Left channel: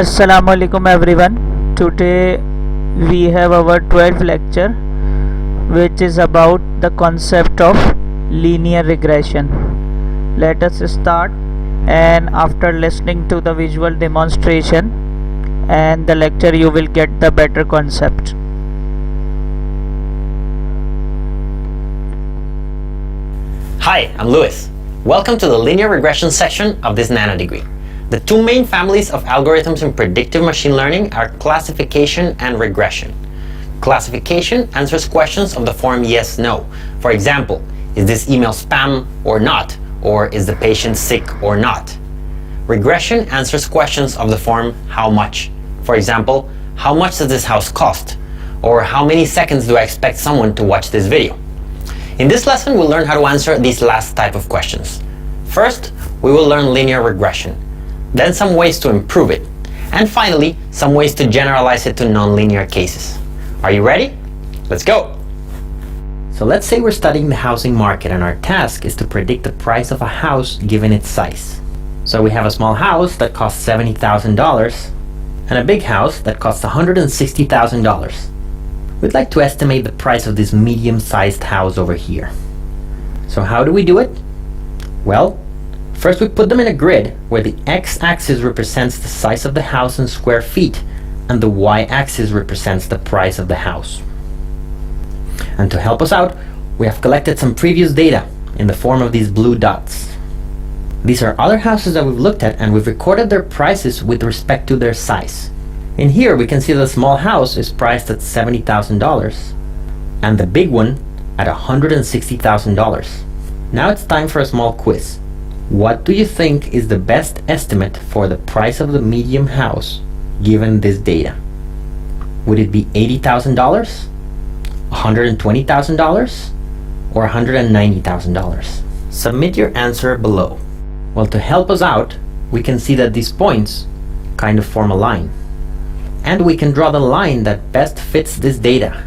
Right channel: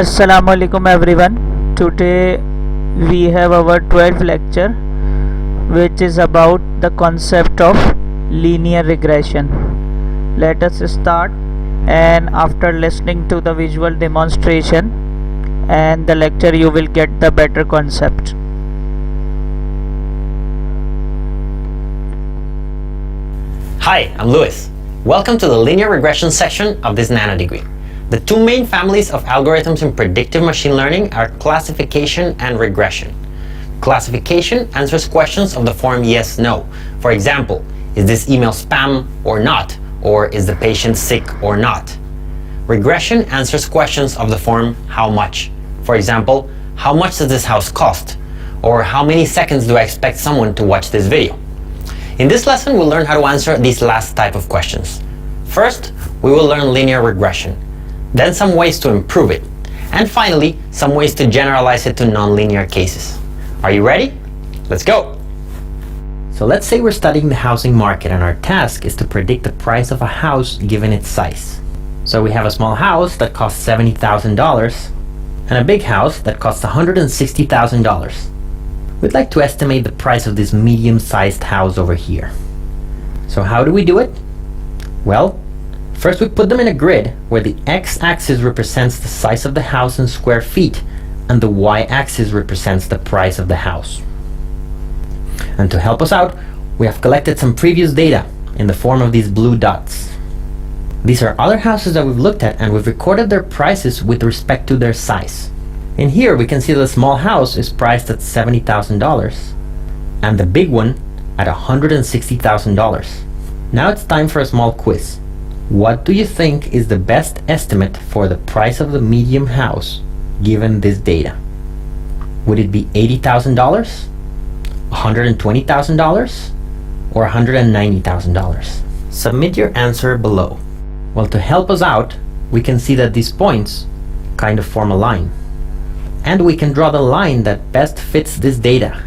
Assalamu alaikum everyone. Today we have our 12th lecture, which is about the concept of linear regression. Let us start, and after listening to the visual demonstration and the lecture you will get the better concept. Hi, I'm Louis. Welcome to the linear regression section of this nano degree. The two main families of algorithms in predictive machine learning are classification and regression. Classification answers questions of the form yes, no. For example, is this email spam or not? Or is the patient sick or not? Regression answers questions of the form how much? For example, how much does this house cost? Or how many seconds do I expect someone to watch this video? In this lesson, we'll learn how to answer these last type of questions. First, we will learn linear regression, then some ways to improve it, and finally, some ways to generalize it to nonlinear cases. Are you ready? Let's go! So let's say we're studying the housing market and our task is to predict the price of a house given its size. So we have a small house that costs $70,000 and a big house that costs $160,000. We'd like to estimate the price of this medium-sized house over here. So how do we do it? Well, first we put them in a grid where the x-axis represents the size of the house in square feet and the y-axis represents the price of the house. And to help us out, we have collected some previous data in the form of these blue dots. These are other houses that we've looked at and we've recorded their prices with respect to their size. In here we can see the small house is priced at $70,000 and the big one at $160,000. Now it's time for a small quiz. What do you think is the best estimate for the price of the medium house given this data? Would it be $80,000, $120,000, or $190,000? Submit your answer below. Well, to help us out, we can see that these points kind of form a line. And we can draw the line that best fits this data.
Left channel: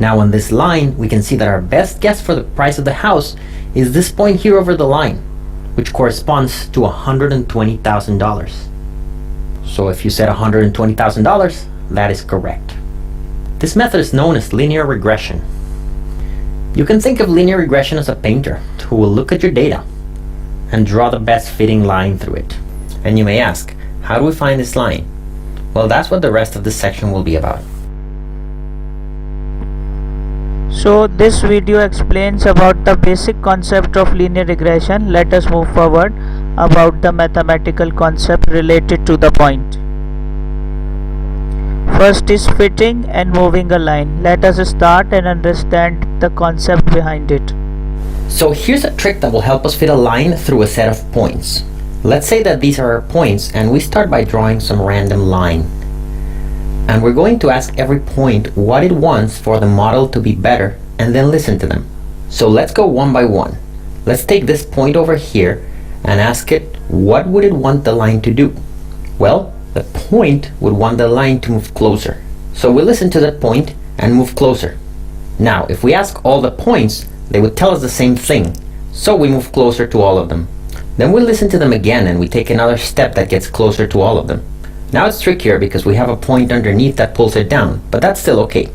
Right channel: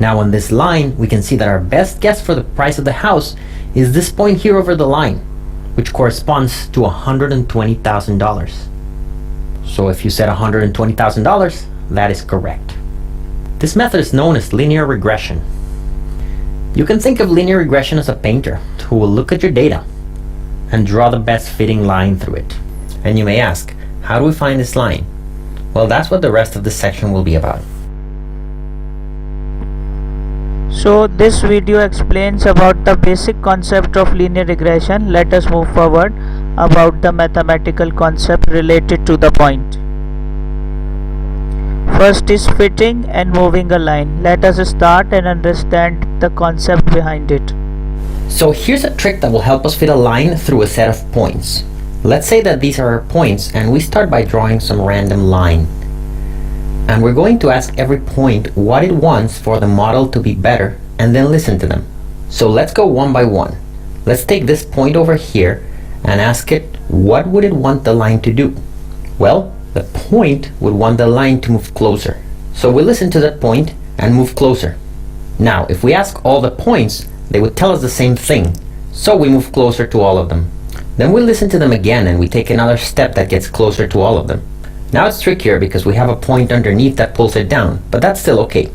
Now on this line, we can see that our best guess for the price of the house is this point here over the line, which corresponds to $120,000. So if you said $120,000, that is correct. This method is known as linear regression. You can think of linear regression as a painter who will look at your data and draw the best fitting line through it. And you may ask, how do we find this line? Well, that's what the rest of this section will be about. So this video explains about the basic concept of linear regression. Let us move forward about the mathematical concept related to the point. First is fitting and moving a line. Let us start and understand the concept behind it. So here's a trick that will help us fit a line through a set of points. Let's say that these are our points and we start by drawing some random line. And we're going to ask every point what it wants for the model to be better and then listen to them. So let's go one by one. Let's take this point over here and ask it what would it want the line to do? Well, the point would want the line to move closer. So we listen to that point and move closer. Now, if we ask all the points, they would tell us the same thing. So we move closer to all of them. Then we listen to them again and we take another step that gets closer to all of them. Now it's trickier because we have a point underneath that pulls it down, but that's still okay.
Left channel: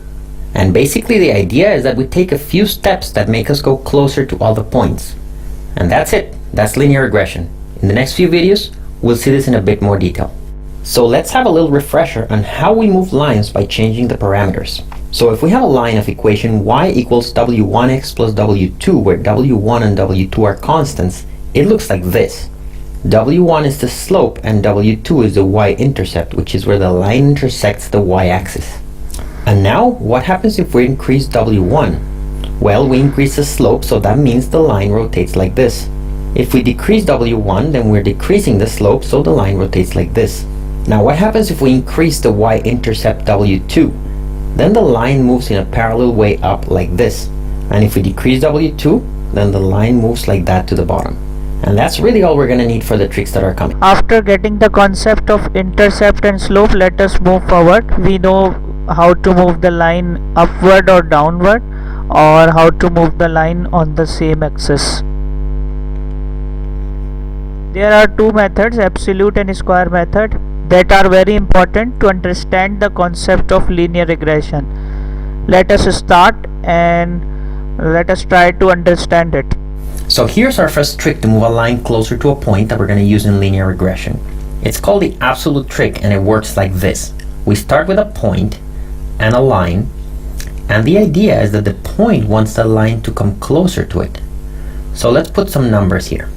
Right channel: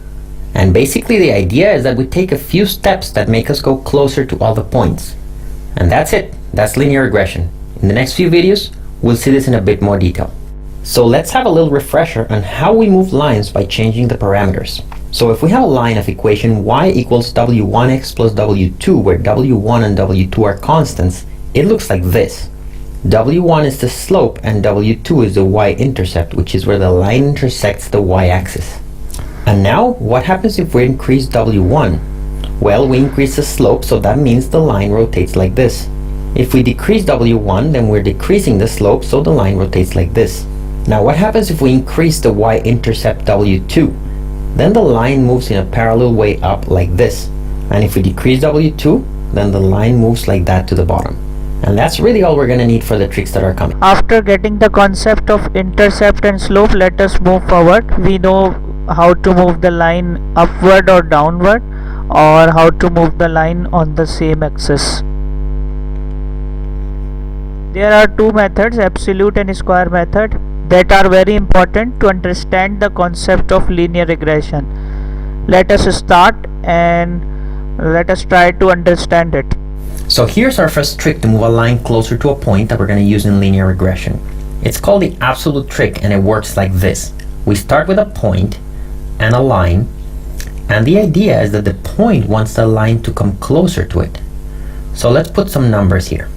And basically the idea is that we take a few steps that make us go closer to all the points. And that's it. That's linear regression. In the next few videos, we'll see this in a bit more detail. So let's have a little refresher on how we move lines by changing the parameters. So if we have a line of equation y equals w1x plus w2, where w1 and w2 are constants, it looks like this. W1 is the slope and W2 is the y-intercept, which is where the line intersects the y-axis. And now, what happens if we increase W1? Well, we increase the slope, so that means the line rotates like this. If we decrease W1, then we're decreasing the slope, so the line rotates like this. Now, what happens if we increase the y-intercept W2? Then the line moves in a parallel way up like this. And if we decrease W2, then the line moves like that to the bottom. And that's really all we're going to need for the tricks that are coming. After getting the concept of intercept and slope, let us move forward. We know how to move the line upward or downward, or how to move the line on the same axis. There are two methods, absolute and square method. that are very important to understand the concept of linear regression. Let us start and let us try to understand it. So here's our first trick to move a line closer to a point that we're going to use in linear regression. It's called the absolute trick, and it works like this. We start with a point and a line, and the idea is that the point wants the line to come closer to it. So let's put some numbers here.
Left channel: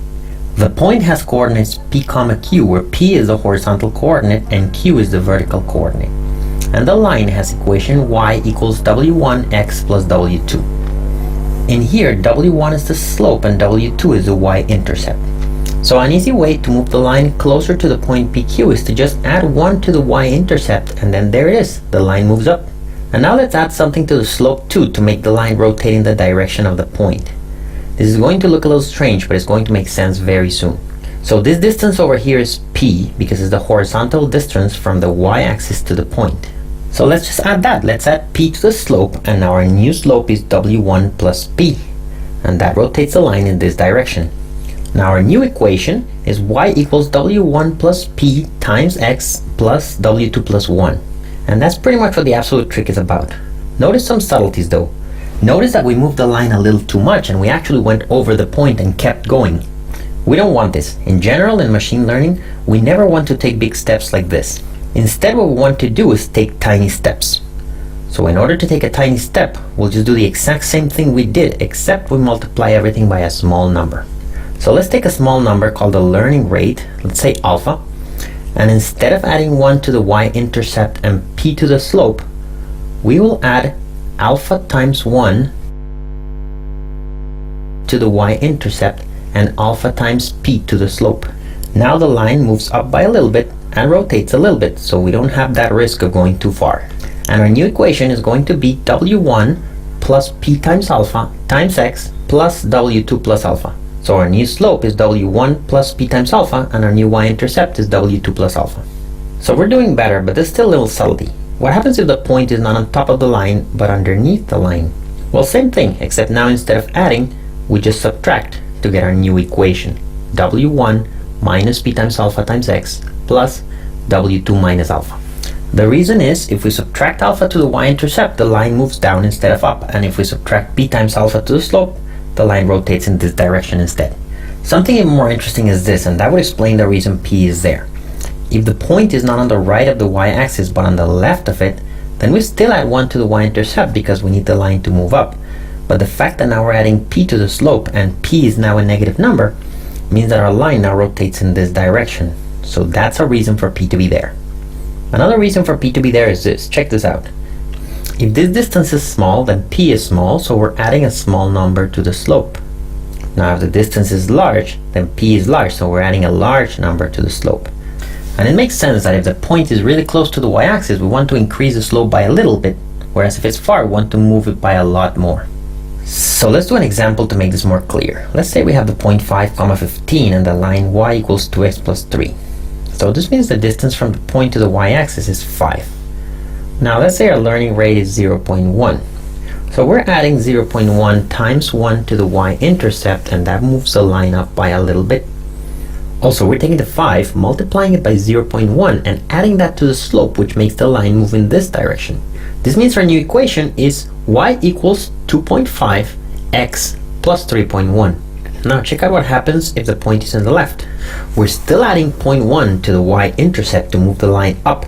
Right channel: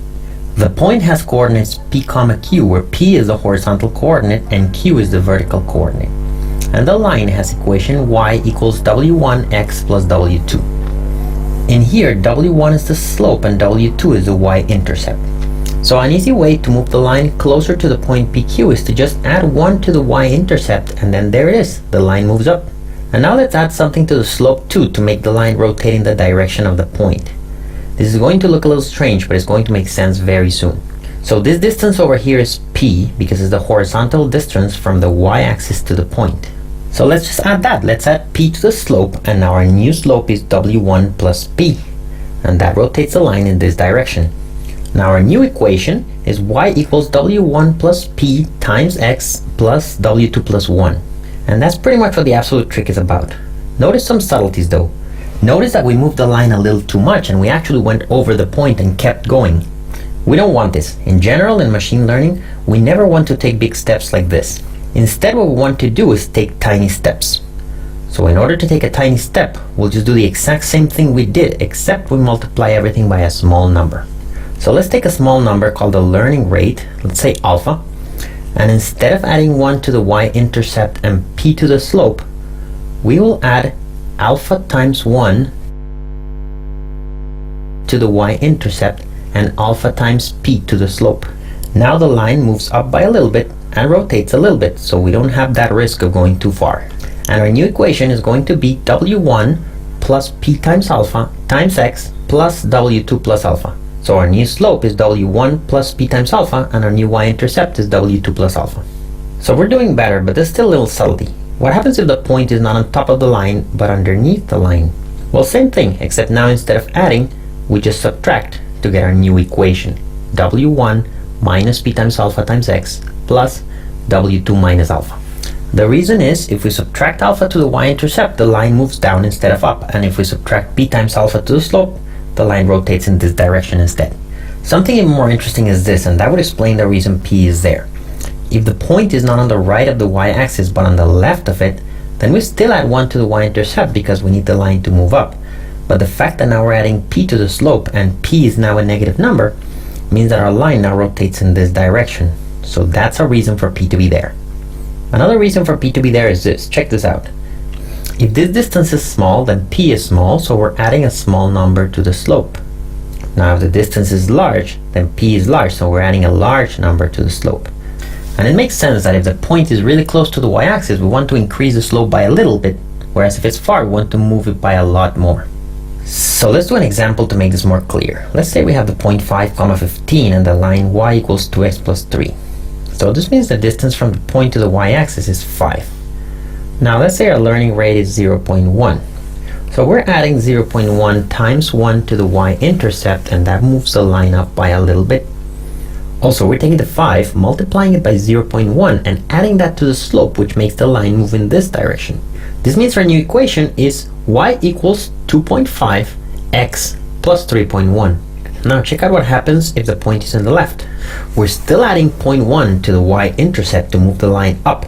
The point has coordinates p comma q, where p is the horizontal coordinate and q is the vertical coordinate. And the line has equation y equals w1x plus w2. In here, w1 is the slope and w2 is the y-intercept. So an easy way to move the line closer to the point PQ is to just add 1 to the y-intercept, and then there it is, the line moves up. And now let's add something to the slope too to make the line rotate in the direction of the point. This is going to look a little strange, but it's going to make sense very soon. So this distance over here is p, because it's the horizontal distance from the y-axis to the point. So let's just add that. Let's add p to the slope, and now our new slope is w1 plus p, and that rotates the line in this direction. Now our new equation is y equals w1 plus p times x plus w2 plus 1. And that's pretty much what the absolute trick is about. Notice some subtleties though. Notice that we moved the line a little too much and we actually went over the point and kept going. We don't want this. In general, in machine learning, we never want to take big steps like this. Instead, what we want to do is take tiny steps. So in order to take a tiny step, we'll just do the exact same thing we did, except we multiply everything by a small number. So let's take a small number called the learning rate, let's say alpha, and instead of adding 1 to the y-intercept and p to the slope, we will add alpha times 1 to the y-intercept and alpha times p to the slope. Now the line moves up by a little bit and rotates a little bit, so we don't have that risk of going too far. And our new equation is going to be w1 plus p times alpha times x plus w2 plus alpha. So our new slope is w1 plus p times alpha, and our new y-intercept is w2 plus alpha. So we're doing better, but there's still a little subtlety. What happens if the point is not on top of the line, but underneath the line? Well, same thing, except now instead of adding, we just subtract to get our new equation. w1 minus p times alpha times x plus w2 minus alpha. The reason is, if we subtract alpha to the y-intercept, the line moves down instead of up, and if we subtract p times alpha to the slope, the line rotates in this direction instead. Something even more interesting is this, and that would explain the reason p is there. If the point is not on the right of the y-axis but on the left of it, then we still add 1 to the y-intercept because we need the line to move up. But the fact that now we're adding p to the slope and p is now a negative number means that our line now rotates in this direction. So that's a reason for p to be there. Another reason for p to be there is this. Check this out. If this distance is small, then p is small, so we're adding a small number to the slope. Now if the distance is large, then p is large, so we're adding a large number to the slope. And it makes sense that if the point is really close to the y-axis, we want to increase the slope by a little bit, whereas if it's far, we want to move it by a lot more. So let's do an example to make this more clear. Let's say we have the point 5, 15 and the line y equals 2x plus 3. So this means the distance from the point to the y-axis is 5. Now let's say our learning rate is 0.1. So we're adding 0.1 times 1 to the y-intercept, and that moves the line up by a little bit. Also, we're taking the 5, multiplying it by 0.1 and adding that to the slope, which makes the line move in this direction. This means our new equation is y equals 2.5 x plus 3.1. Now check out what happens if the point is on the left. We're still adding 0.1 to the y-intercept to move the line up,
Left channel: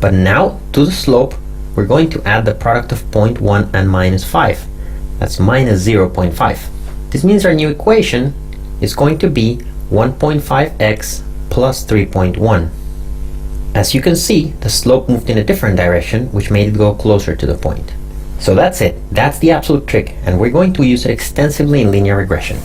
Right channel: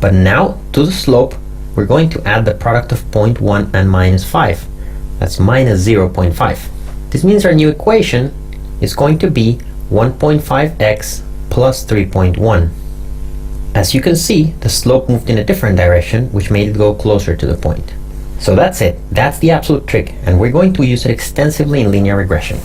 but now to the slope we're going to add the product of 0.1 and minus 5. That's minus 0.5. This means our new equation is going to be 1.5x plus 3.1. As you can see, the slope moved in a different direction, which made it go closer to the point. So that's it. That's the absolute trick, and we're going to use it extensively in linear regression.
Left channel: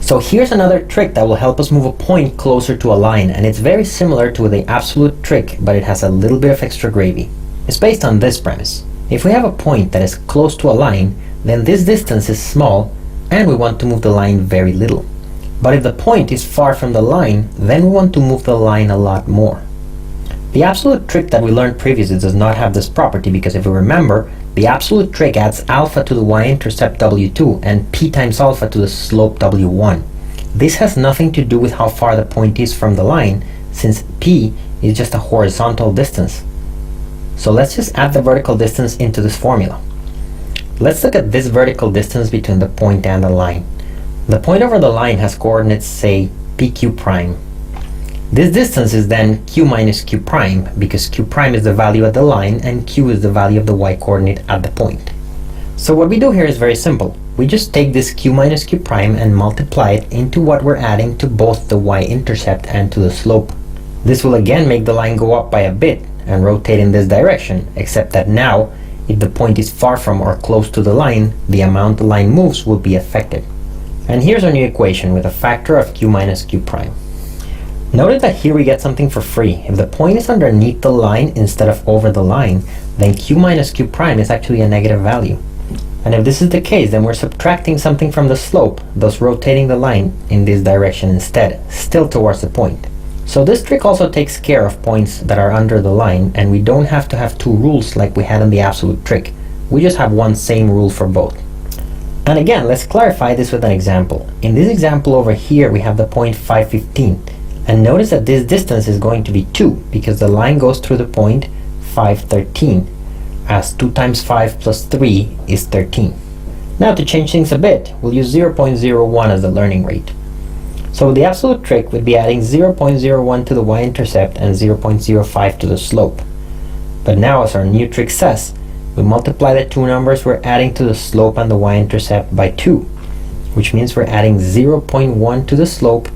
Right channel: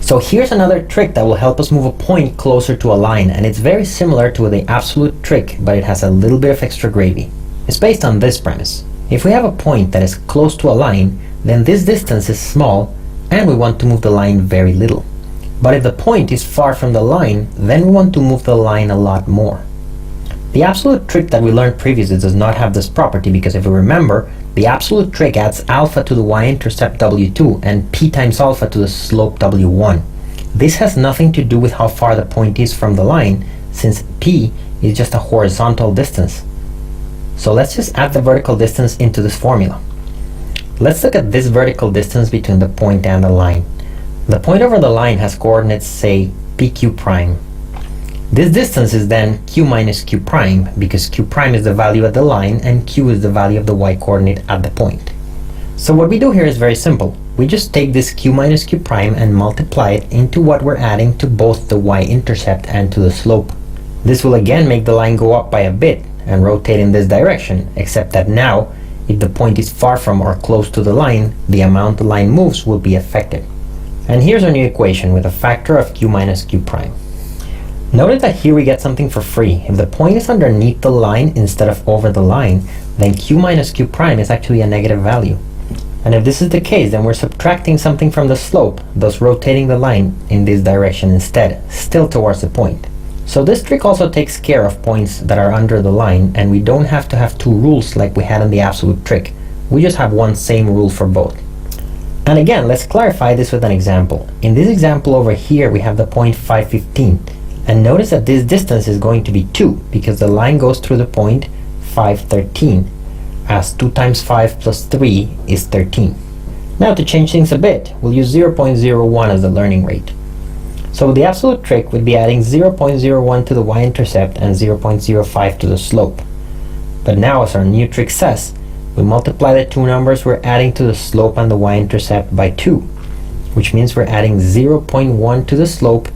So here's another trick that will help us move a point closer to a line, and it's very similar to the absolute trick, but it has a little bit of extra gravy. It's based on this premise. If we have a point that is close to a line, then this distance is small, and we want to move the line very little. But if the point is far from the line, then we want to move the line a lot more. The absolute trick that we learned previously does not have this property, because if you remember, the absolute trick adds alpha to the y-intercept w2 and p times alpha to the slope w1. This has nothing to do with how far the point is from the line, since p is just a horizontal distance. So let's just add the vertical distance into this formula. Let's look at this vertical distance between the point and the line. The point over the line has coordinates, say, pq prime. This distance is then q minus q prime, because q prime is the value at the line and q is the value of the y coordinate at the point. So what we do here is very simple. We just take this q minus q prime and multiply it into what we're adding to both the y-intercept and to the slope. This will again make the line go up by a bit and rotate in this direction, except that now, if the point is far from or close to the line, the amount the line moves will be affected. And here's our new equation with a factor of q minus q prime. Notice that here we get something for free. If the point is underneath the line instead of over the line, then q minus q prime is actually a negative value. And if this is the case, then we're subtracting something from the slope, thus rotating the line in this direction instead, still towards the point. So this trick also takes care of points that are under the line, and we don't have to have two rules like we had in the absolute trick. We just have one same rule for both. And again, let's clarify this with an example. In this example over here, we have the point 515. And notice that this distance is going to be 2, because the line goes through the point 513, as 2 times 5 plus 3 is 13. Now to change things a bit, we'll use 0.01 as the learning rate. So the absolute trick would be adding 0.01 to the y-intercept and 0.05 to the slope. But now, as our new trick says, we multiply the two numbers we're adding to the slope and the y-intercept by 2, which means we're adding 0.1 to the slope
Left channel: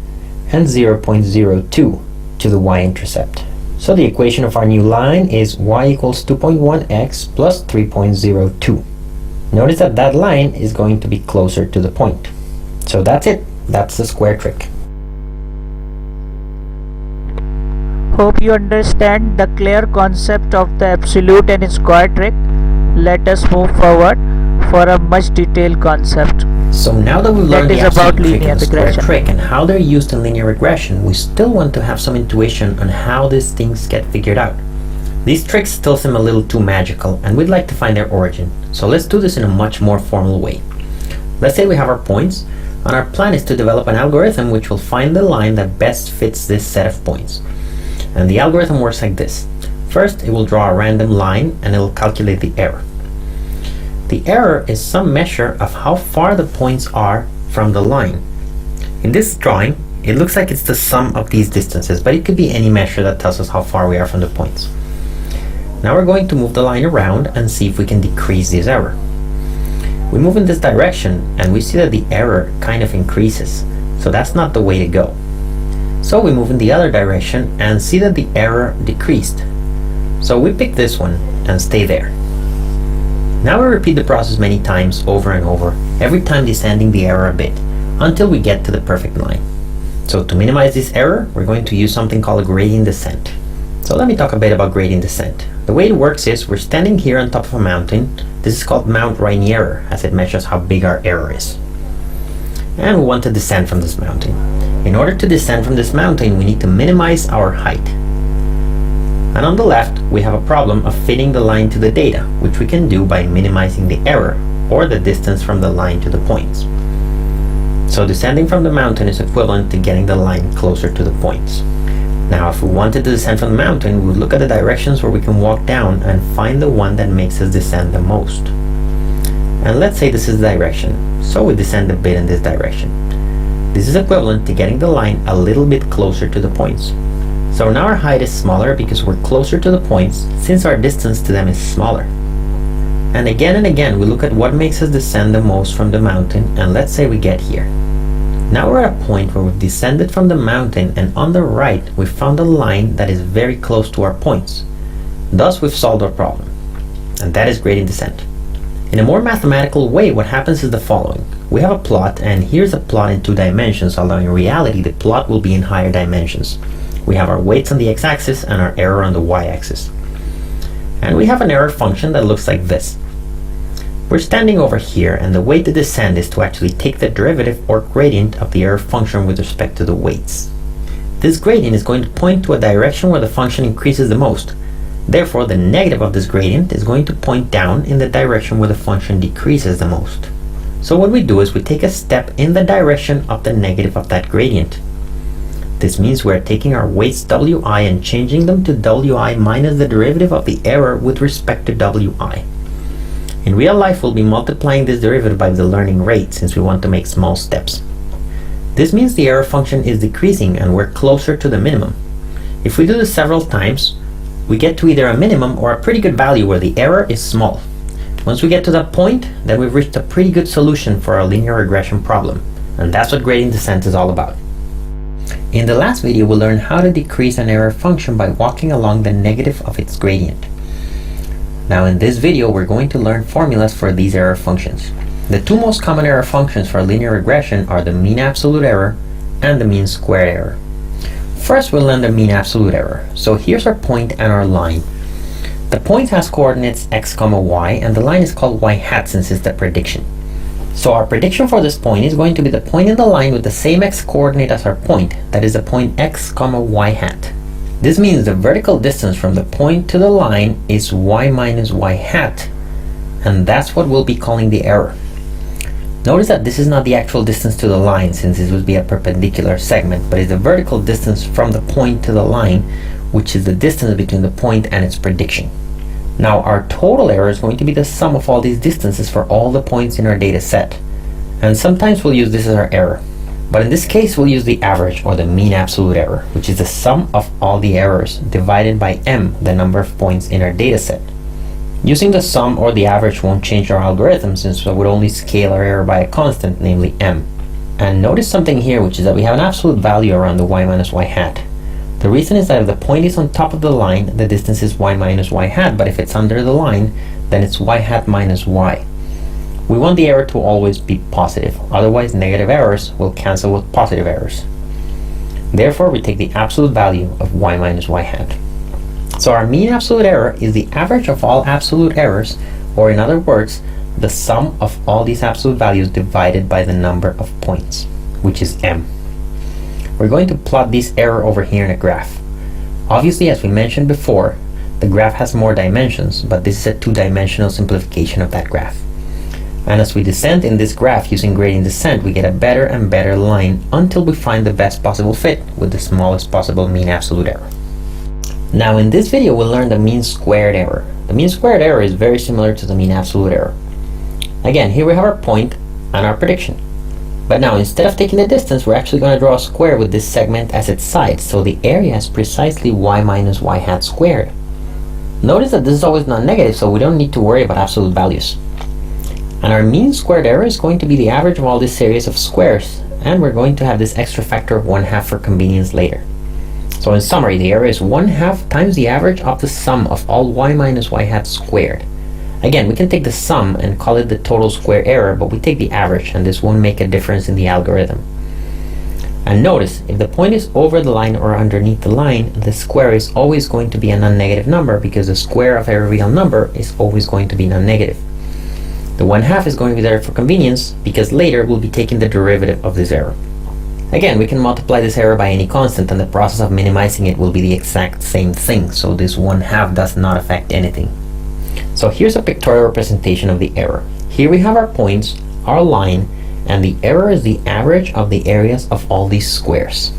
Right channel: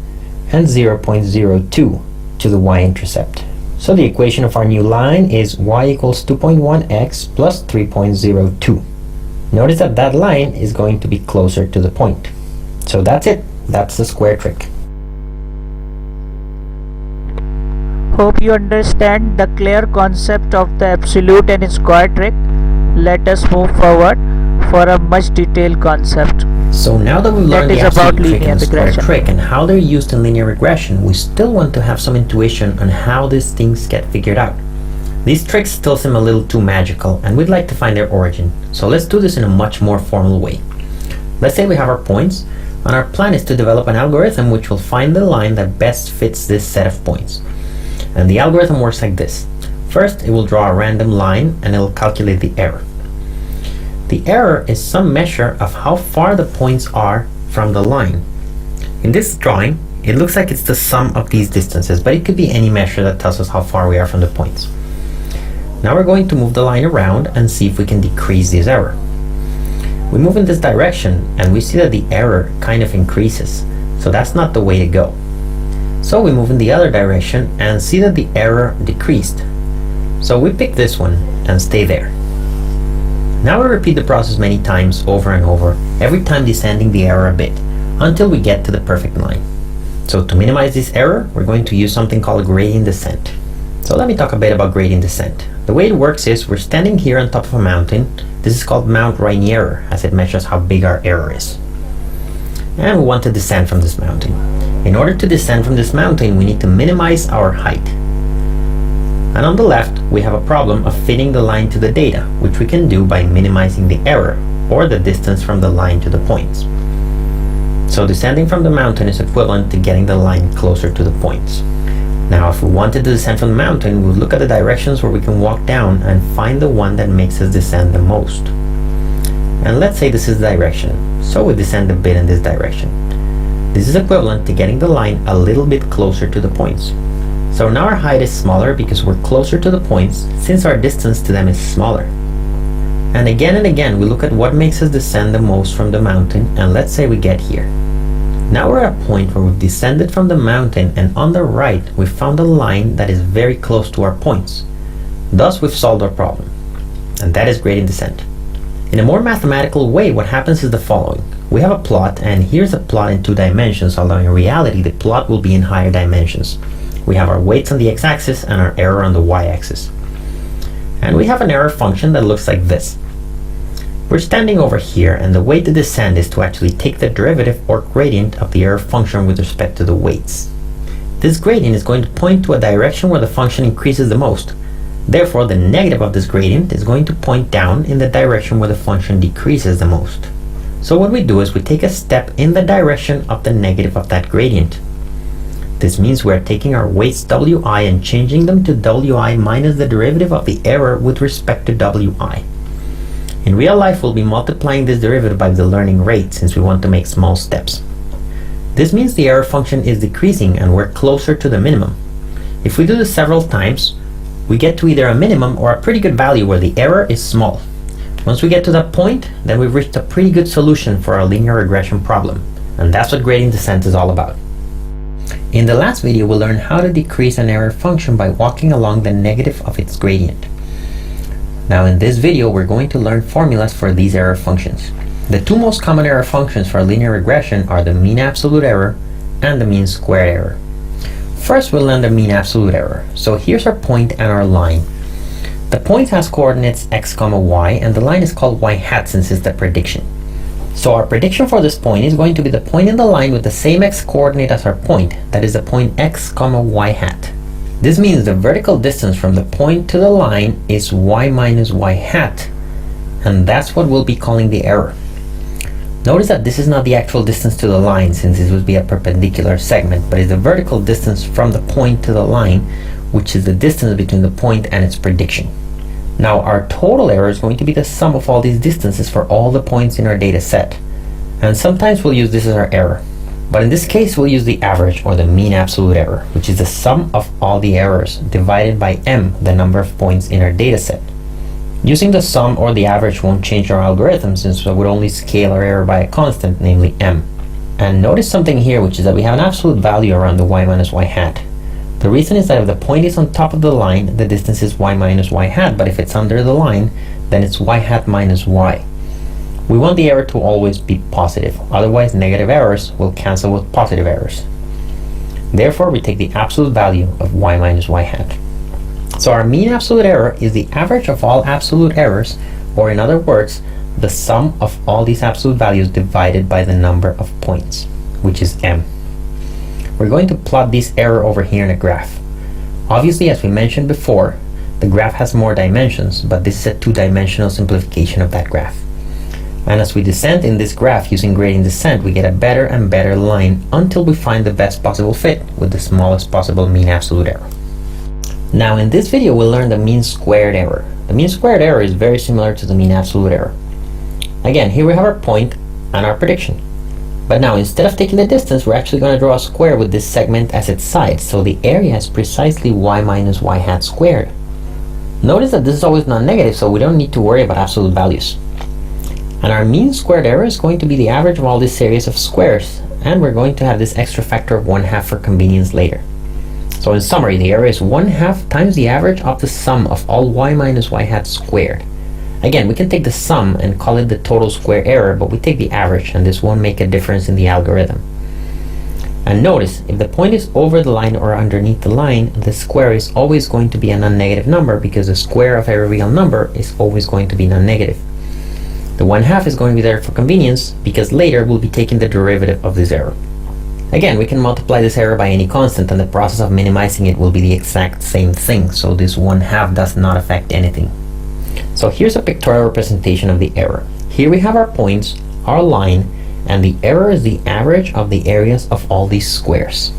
and 0.02 to the y-intercept. So the equation of our new line is y equals 2.1x plus 3.02. Notice that that line is going to be closer to the point. So that's it. That's the square trick. Hope you understand the clear concept of the absolute and square trick. Let us move forward for a much detailed concept. So now that we've learned the about absolute trick linear and the square regression. trick and how they're used in linear regression, we still want to have some intuition on how these things get figured out. These tricks still seem a little too magical, and we'd like to find their origin. So let's do this in a much more formal way. Let's say we have our points, and our plan is to develop an algorithm which will find the line that best fits this set of points. And the algorithm works like this. First, it will draw a random line and it will calculate the error. The error is some measure of how far the points are from the line. In this drawing, it looks like it's the sum of these distances, but it could be any measure that tells us how far we are from the points. Now we're going to move the line around and see if we can decrease this error. We move in this direction and we see that the error kind of increases, so that's not the way to go. So we move in the other direction and see that the error decreased. So we pick this one and stay there. Now we repeat the process many times over and over, every time descending the error a bit, until we get to the perfect line. So to minimize this error, we're going to use something called gradient descent. So let me talk a bit about gradient descent. The way it works is we're standing here on top of a mountain. This is called Mount Rainier, as it measures how big our error is. And we want to descend from this mountain. In order to descend from this mountain, we need to minimize our height. And on the left, we have a problem of fitting the line to the data, which we can do by minimizing the error, or the distance from the line to the points. So descending from the mountain is equivalent to getting the line closer to the points. Now, if we wanted to descend from the mountain, we would look at the directions where we can walk down and find the one that makes us descend the most. And let's say this is the direction, so we descend a bit in this direction. This is equivalent to getting the line a little bit closer to the points. So now our height is smaller because we're closer to the points, since our distance to them is smaller. And again, we look at what makes us descend the most from the mountain, and let's say we get here. Now we're at a point where we've descended from the mountain, and on the right we've found a line that is very close to our points. Thus we've solved our problem. And that is gradient descent. In a more mathematical way, what happens is the following. We have a plot, and here's a plot in 2 dimensions, although in reality the plot will be in higher dimensions. We have our weights on the x-axis and our error on the y-axis. And we have an error function that looks like this. We're standing over here, and the way to descend is to actually take the derivative or gradient of the error function with respect to the weights. This gradient is going to point to a direction where the function increases the most. Therefore, the negative of this gradient is going to point down in the direction where the function decreases the most. So what we do is we take a step in the direction of the negative of that gradient. This means we are taking our weights wi and changing them to wi minus the derivative of the error with respect to wi. In real life, we'll be multiplying this derivative by the learning rate since we want to make small steps. This means the error function is decreasing and we're closer to the minimum. If we do this several times, we get to either a minimum or a pretty good value where the error is small. Once we get to that point, then we've reached a pretty good solution for our linear regression problem. And that's what gradient descent is all about. In the last video, we learned how to decrease an error function by walking along the negative of its gradient. Now in this video, we're going to learn formulas for these error functions. The two most common error functions for linear regression are the mean absolute error and the mean squared error. First, we'll learn the mean absolute error. So here's our point and our line. The point has coordinates x, y, and the line is called y hat since it's the prediction. So our prediction for this point is going to be the point in the line with the same x coordinate as our point, that is the point x, y hat. This means the vertical distance from the point to the line is y minus y hat, and that's what we'll be calling the error. Notice that this is not the actual distance to the line since this would be a perpendicular segment, but is the vertical distance from the point to the line, which is the distance between the point and its prediction. Now our total error is going to be the sum of all these distances for all the points in our data set. And sometimes we'll use this as our error. But in this case, we'll use the average or the mean absolute error, which is the sum of all the errors divided by m, the number of points in our data set. Using the sum or the average won't change our algorithm since we would only scale our error by a constant, namely m. And notice something here, which is that we have an absolute value around the y minus y hat. The reason is that if the point is on top of the line, the distance is y minus y hat, but if it's under the line, then it's y hat minus y. We want the error to always be positive, otherwise negative errors will cancel with positive errors. Therefore, we take the absolute value of y minus y hat. So our mean absolute error is the average of all absolute errors, or in other words, the sum of all these absolute values divided by the number of points, which is m. We're going to plot this error over here in a graph. Obviously, as we mentioned before, the graph has more dimensions, but this is a two-dimensional simplification of that graph. And as we descend in this graph using gradient descent, we get a better and better line until we find the best possible fit with the smallest possible mean absolute error. Now in this video, we'll learn the mean squared error. The mean squared error is very similar to the mean absolute error. Again, here we have our point and our prediction. But now instead of taking the distance, we're actually going to draw a square with this segment as its side, so the area is precisely y minus y hat squared. Notice that this is always non-negative, so we don't need to worry about absolute values. And our mean squared error is going to be the average of all this series of squares, and we're going to have this extra factor of 1/2 for convenience later. So in summary, the error is 1/2 times the average of the sum of all y minus y hat squared. Again, we can take the sum and call it the total square error, but we take the average and this won't make a difference in the algorithm. And notice, if the point is over the line or underneath the line, the square is always going to be a non-negative number because the square of a real number is always going to be non-negative. The 1/2 is going to be there for convenience because later we'll be taking the derivative of this error. Again, we can multiply this error by any constant and the process of minimizing it will be the exact same thing, so this 1/2 does not affect anything. So here's a pictorial representation of the error. Here we have our points, our line, and the error is the average of the areas of all these squares.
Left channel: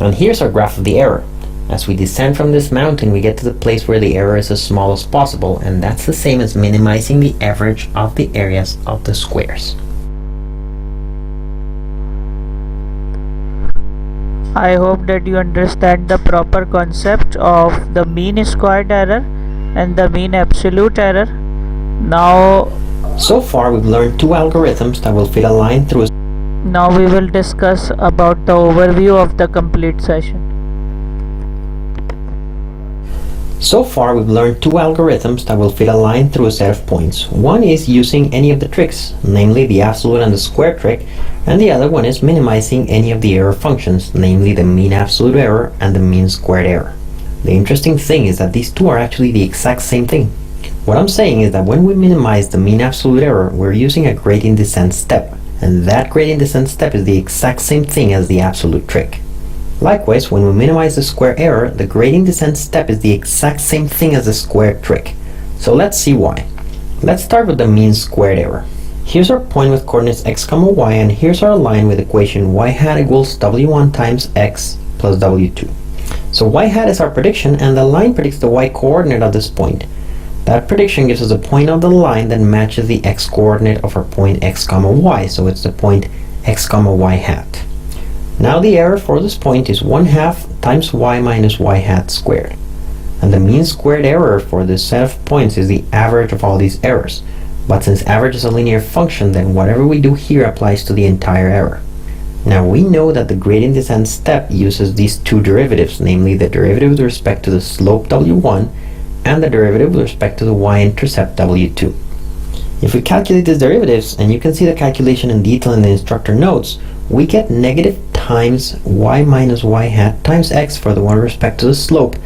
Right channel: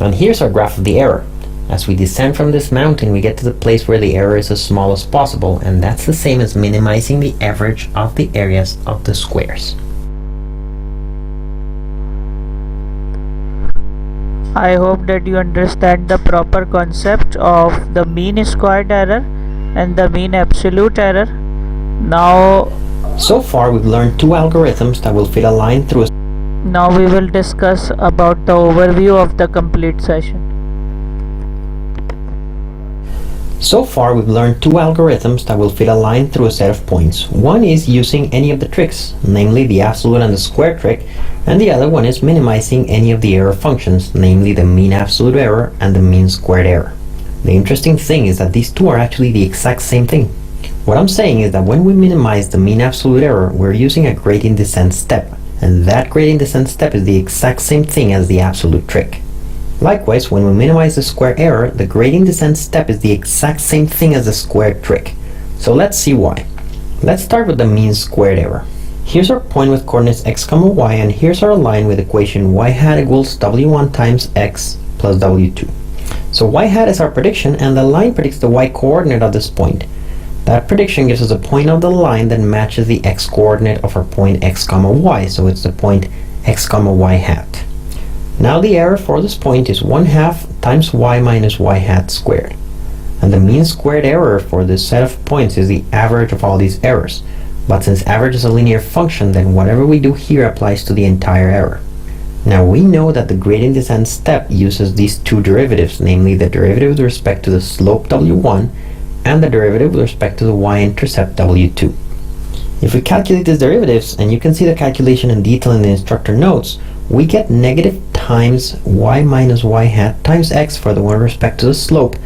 And here's our graph of the error. As we descend from this mountain, we get to the place where the error is as small as possible, and that's the same as minimizing the average of the areas of the squares. I hope that you understand the proper concept of the mean squared error and the mean absolute error. Now far we've learned two algorithms that will fit a line through a Now we will discuss about the overview of the complete session. So far we've learned two algorithms that will fit a line through a set of points. One is using any of the tricks, namely the absolute and the square trick, and the other one is minimizing any of the error functions, namely the mean absolute error and the mean squared error. The interesting thing is that these two are actually the exact same thing. What I'm saying is that when we minimize the mean absolute error, we're using a gradient descent step, and that gradient descent step is the exact same thing as the absolute trick. Likewise, when we minimize the square error, the gradient descent step is the exact same thing as the square trick. So let's see why. Let's start with the mean squared error. Here's our point with coordinates x, y, and here's our line with equation y hat equals w1 times x plus W2. So y hat is our prediction, and the line predicts the y coordinate of this point. That prediction gives us a point of the line that matches the x coordinate of our point x comma y, so it's the point x comma y hat. Now the error for this point is 1/2 times y minus y hat squared. And the mean squared error for this set of points is the average of all these errors. But since average is a linear function, then whatever we do here applies to the entire error. Now we know that the gradient descent step uses these two derivatives, namely the derivative with respect to the slope W1 and the derivative with respect to the y-intercept W2. If we calculate these derivatives, and you can see the calculation in detail in the instructor notes, we get negative times y minus y hat times x for the one with respect to the slope,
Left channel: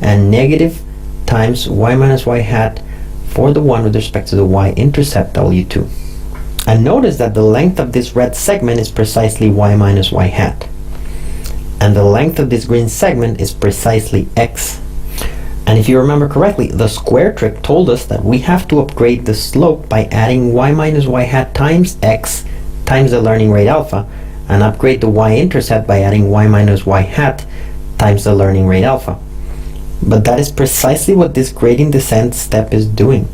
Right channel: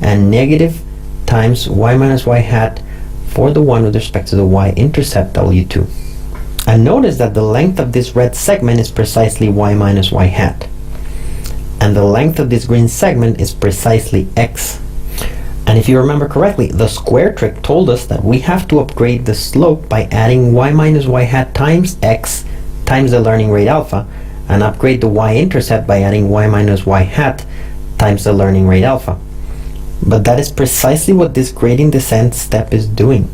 and negative times y minus y hat for the one with respect to the y-intercept W2. And notice that the length of this red segment is precisely y minus y hat. And the length of this green segment is precisely x. And if you remember correctly, the square trick told us that we have to upgrade the slope by adding y minus y hat times x times the learning rate alpha, and upgrade the y-intercept by adding y minus y hat times the learning rate alpha. But that is precisely what this gradient descent step is doing.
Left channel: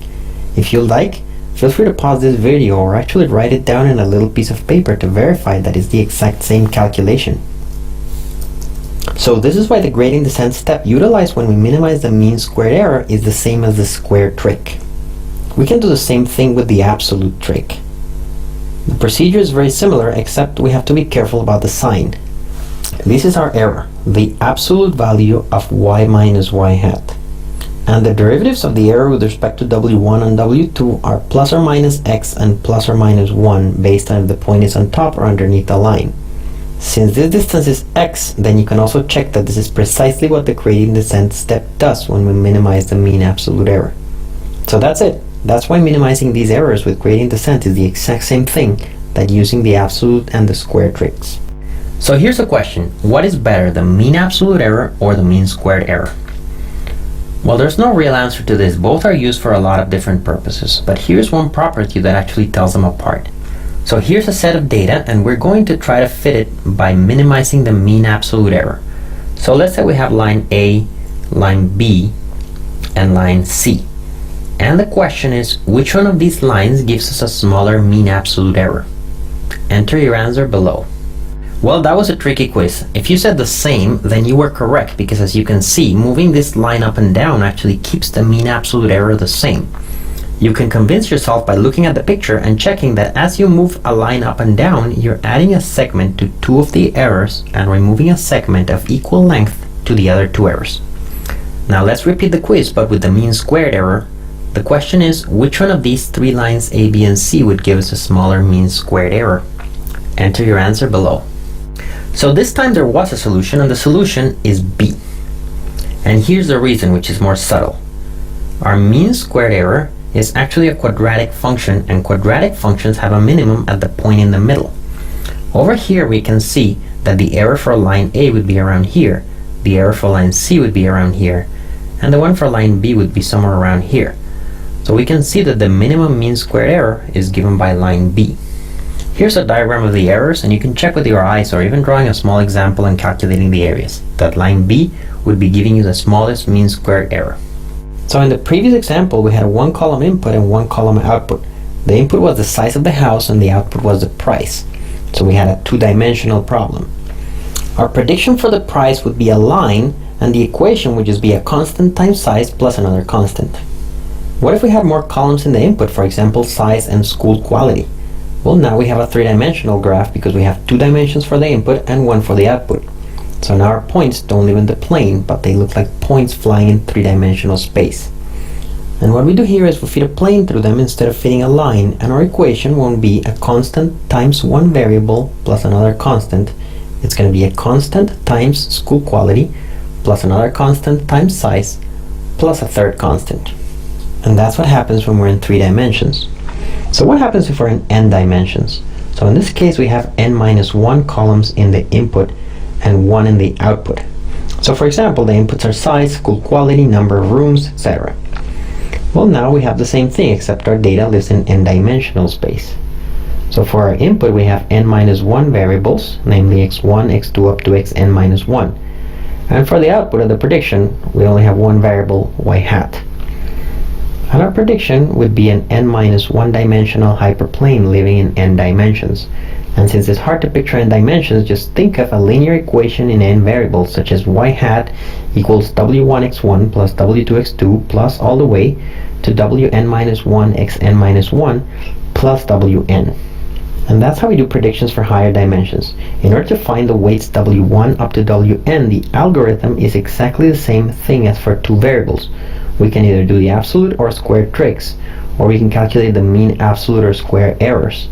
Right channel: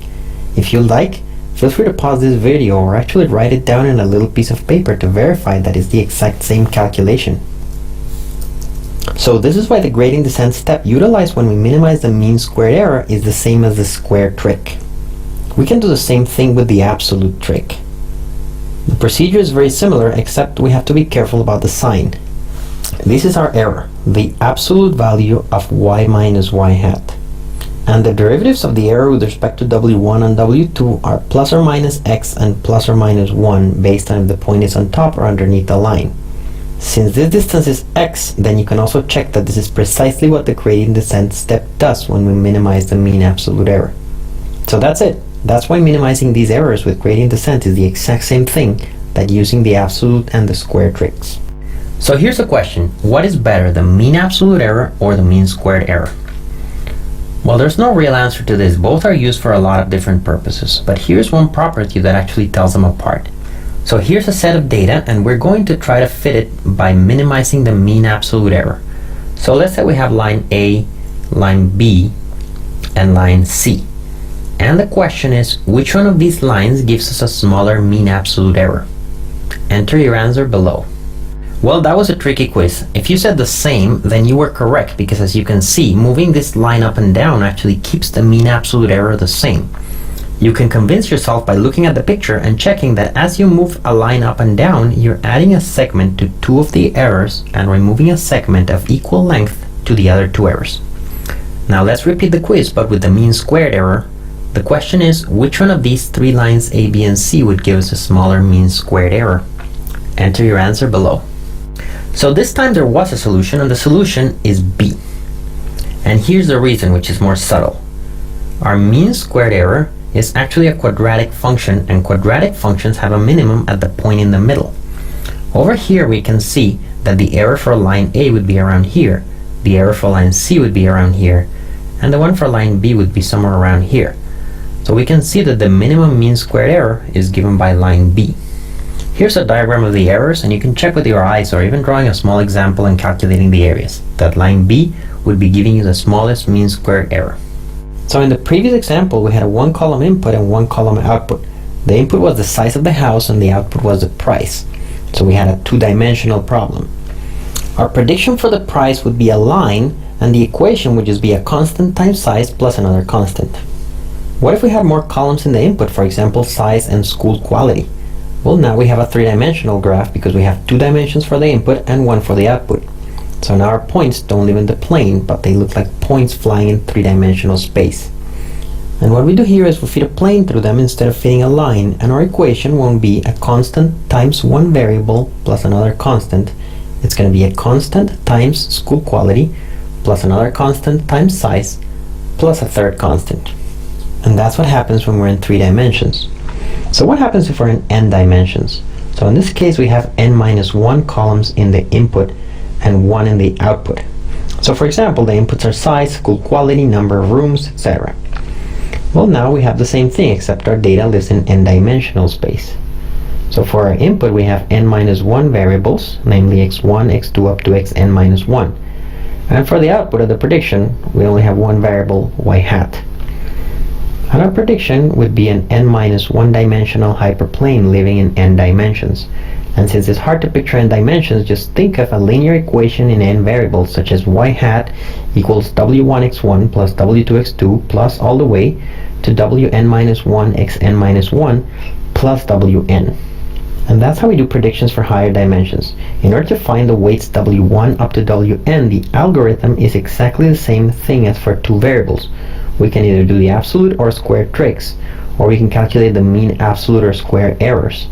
If you like, feel free to pause this video or actually write it down in a little piece of paper to verify that it's the exact same calculation. So this is why the gradient descent step utilized when we minimize the mean squared error is the same as the square trick. We can do the same thing with the absolute trick. The procedure is very similar, except we have to be careful about the sign. This is our error, the absolute value of y minus y hat. And the derivatives of the error with respect to W1 and W2 are plus or minus x and plus or minus 1 based on if the point is on top or underneath the line. Since this distance is x, then you can also check that this is precisely what the gradient descent step does when we minimize the mean absolute error. So that's it. That's why minimizing these errors with gradient descent is the exact same thing that using the absolute and the square tricks. So here's a question. What is better, the mean absolute error or the mean squared error? Well, there's no real answer to this. Both are used for a lot of different purposes, but here's one property that actually tells them apart. So here's a set of data, and we're going to try to fit it by minimizing the mean absolute error. So let's say we have line A, line B, and line C. And the question is, which one of these lines gives us a smaller mean absolute error? Enter your answer below. Well, that was a tricky quiz. If you said the same, then you were correct, because as you can see, moving this line up and down actually keeps the mean absolute error the same. You can convince yourself by looking at the picture and checking that as you move a line up and down, you're adding a segment to two of the errors and removing a segment of equal length to the other two errors. Now let's repeat the quiz, but with the mean squared error. The question is, which one of these three lines A, B, and C would give us a smaller mean squared error? Enter your answer below. So this time there was a solution, and the solution is B. And here's the reason, which is more subtle. Our mean squared error is actually a quadratic function, and quadratic functions have a minimum at the point in the middle. Over here we can see that the error for line A would be around here, the error for line C would be around here, and the one for line B would be somewhere around here. So we can see that the minimum mean squared error is given by line B. Here's a diagram of the errors, and you can check with your eyes or even drawing a small example and calculating the areas. That line B would be giving you the smallest mean squared error. So in the previous example, we had a one column input and one column output. The input was the size of the house and the output was the price. So we had a two-dimensional problem. Our prediction for the price would be a line, and the equation would just be a constant times size plus another constant. What if we have more columns in the input, for example, size and school quality? Well, now we have a three-dimensional graph because we have 2 dimensions for the input and 1 for the output. So now our points don't live in the plane, but they look like points flying in 3-dimensional space. And what we do here is we feed a plane through them instead of feeding a line, and our equation won't be a constant times one variable plus another constant. It's going to be a constant times school quality plus another constant times size plus a third constant. And that's what happens when we're in 3 dimensions. So what happens if we're in n dimensions? So in this case we have n minus 1 columns in the input and 1 in the output. So for example, the inputs are size, school quality, number of rooms, etc. Well, now we have the same thing, except our data lives in n-dimensional space. So for our input we have n minus 1 variables, namely x1, x2 up to xn minus 1. And for the output of the prediction, we only have one variable, y hat. And our prediction would be an n-1 dimensional hyperplane living in n dimensions. And since it's hard to picture n dimensions, just think of a linear equation in n variables, such as y hat equals w1x1 plus w2x2 plus all the way to wn-1 x n-1 plus wn. And that's how we do predictions for higher dimensions. In order to find the weights w1 up to wn, the algorithm is exactly the same thing as for two variables. We can either do the absolute or squared tricks, or we can calculate the mean absolute or square errors,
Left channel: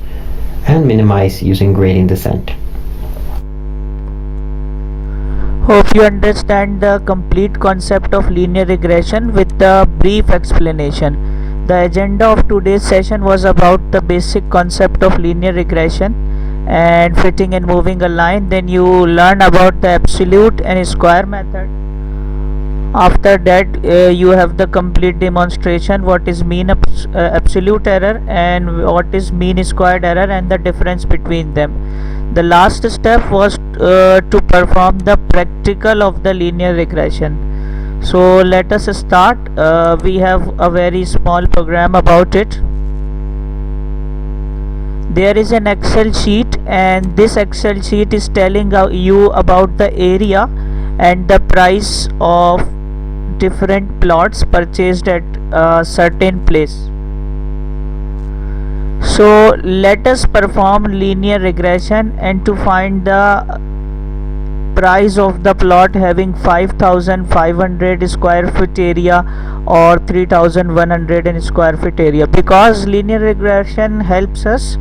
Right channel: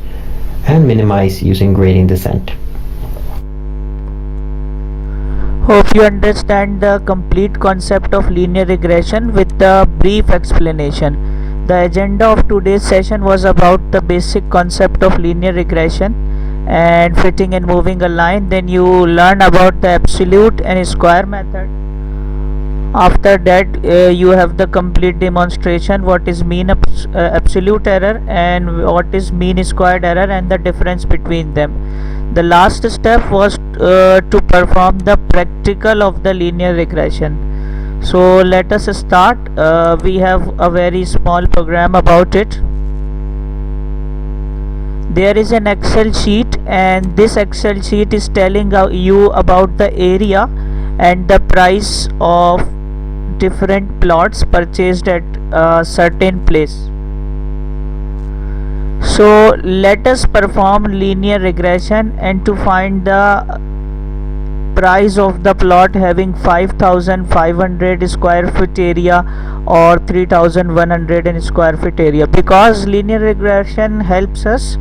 and minimize using gradient descent. Hope you understand the complete concept of linear regression with the brief explanation. The agenda of today's session was about the basic concept of linear regression and fitting and moving a line. Then you learn about the absolute and square method. After that you have the complete demonstration what is mean absolute error and what is mean squared error and the difference between them. The last step was to perform the practical of the linear regression. So let us start. We have a very small program about it. There is an Excel sheet, and this Excel sheet is telling you about the area and the price of different plots purchased at a certain place. So let us perform linear regression, and to find the price of the plot having 5500 square foot area or 3100 square foot area, because linear regression helps us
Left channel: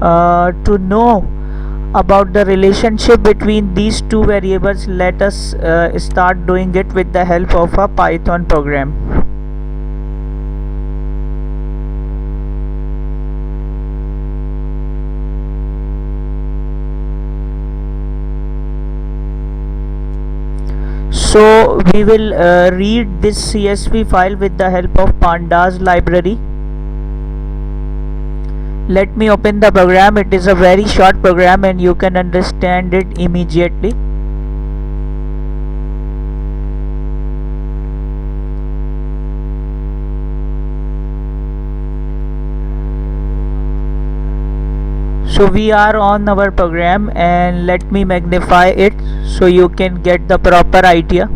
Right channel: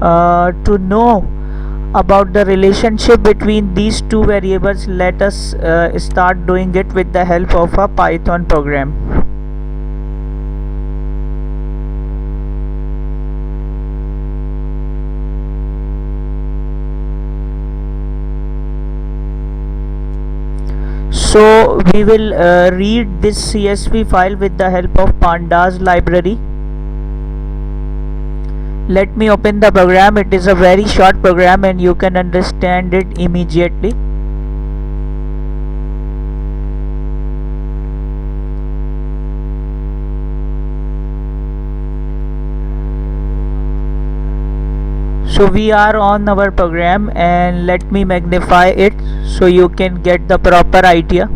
to know about the relationship between these two variables. Let us start doing it with the help of a Python program. So we will read this CSV file with the help of pandas library. Let me open the program. It is a very short program and you can understand it immediately. So we are on our program, and let me magnify it so you can get the proper idea.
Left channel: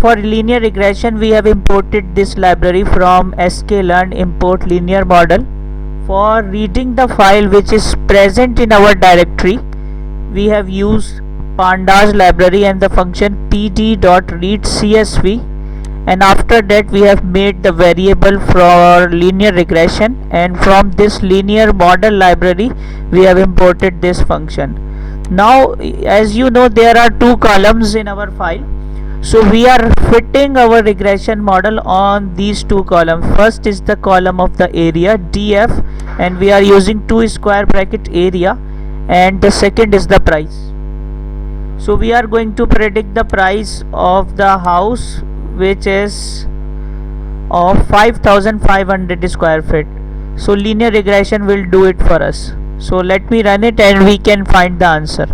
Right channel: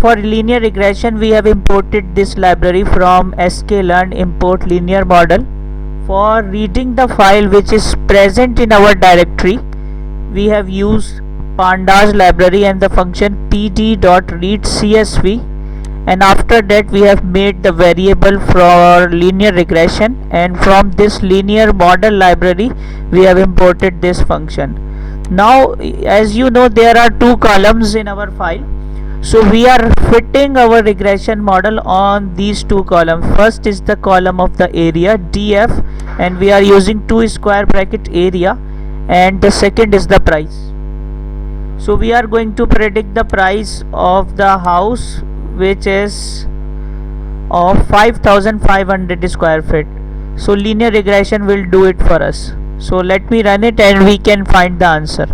For linear regression we have imported this library from sklearn import linear model. For reading the file which is present in our directory, we have used pandas library and the function pd.readcsv, and after that we have made the variable for linear regression, and from this linear model library we have imported this function. Now as you know, there are two columns in our file, so we are fitting our regression model on these two columns. First is the column of the area df, and we are using 2 square bracket area, and the second is the price. So we are going to predict the price of the house, which is of 5500 square feet. So linear regression will do it for us. So let me run it and we can find the answer.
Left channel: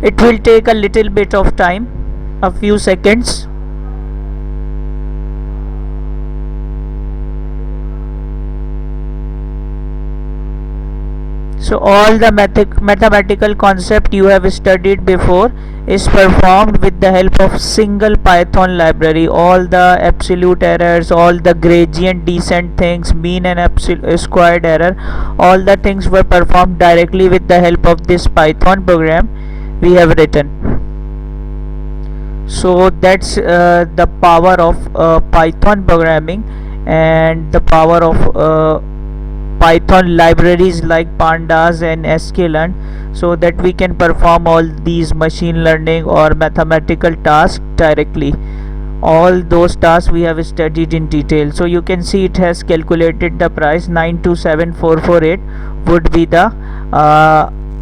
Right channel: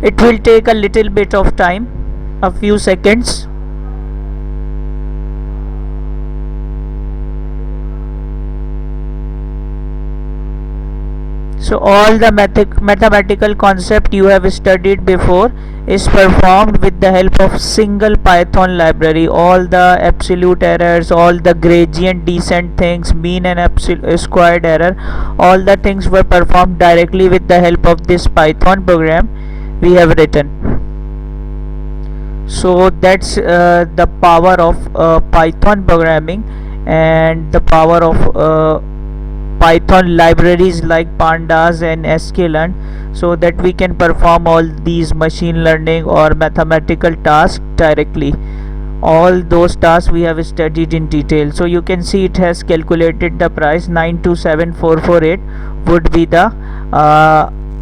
It will take a little bit of time, a few seconds. So all the mathematical concept you have studied before is performed with the help of single Python library. All the absolute errors, all the gradient descent things, mean and absolute squared error, all the things were performed directly with the help of this Python program we have written. So that's the power of Python programming and the power of Python libraries like pandas and sklearn, so that we can perform all these machine learning or mathematical tasks directly. All those tasks we have studied in detail. So you can see it has calculated the price. 927448 would be the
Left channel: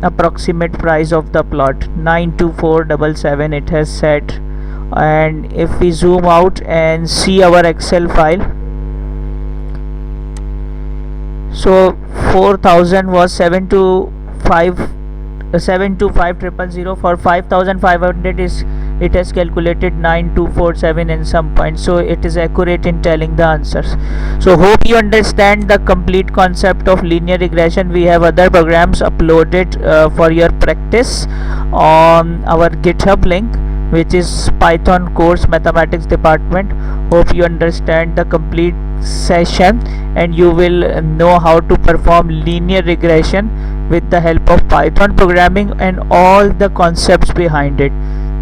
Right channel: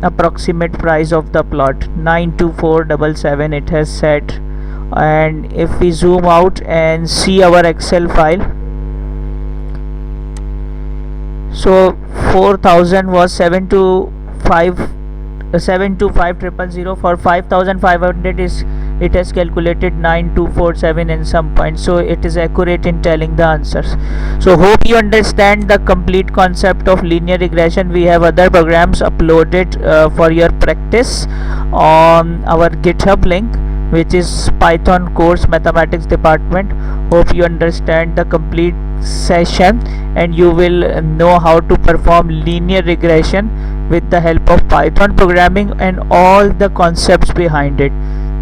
approximate price of the plot. 92477 it has set And if we zoom out and see our Excel file, so 4000 was 725,000. For 5500 is it has calculated 9247 in some point, so it is accurate in telling the answers. So hope you understand the complete concept of linear regression. We have other programs uploaded for your practice on our GitHub link, which is Python course mathematics department. Hope you understand the complete session and you will know how to perform linear regression with the help of Python programming and all the concepts behind it.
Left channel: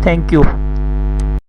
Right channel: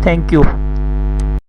Thank you.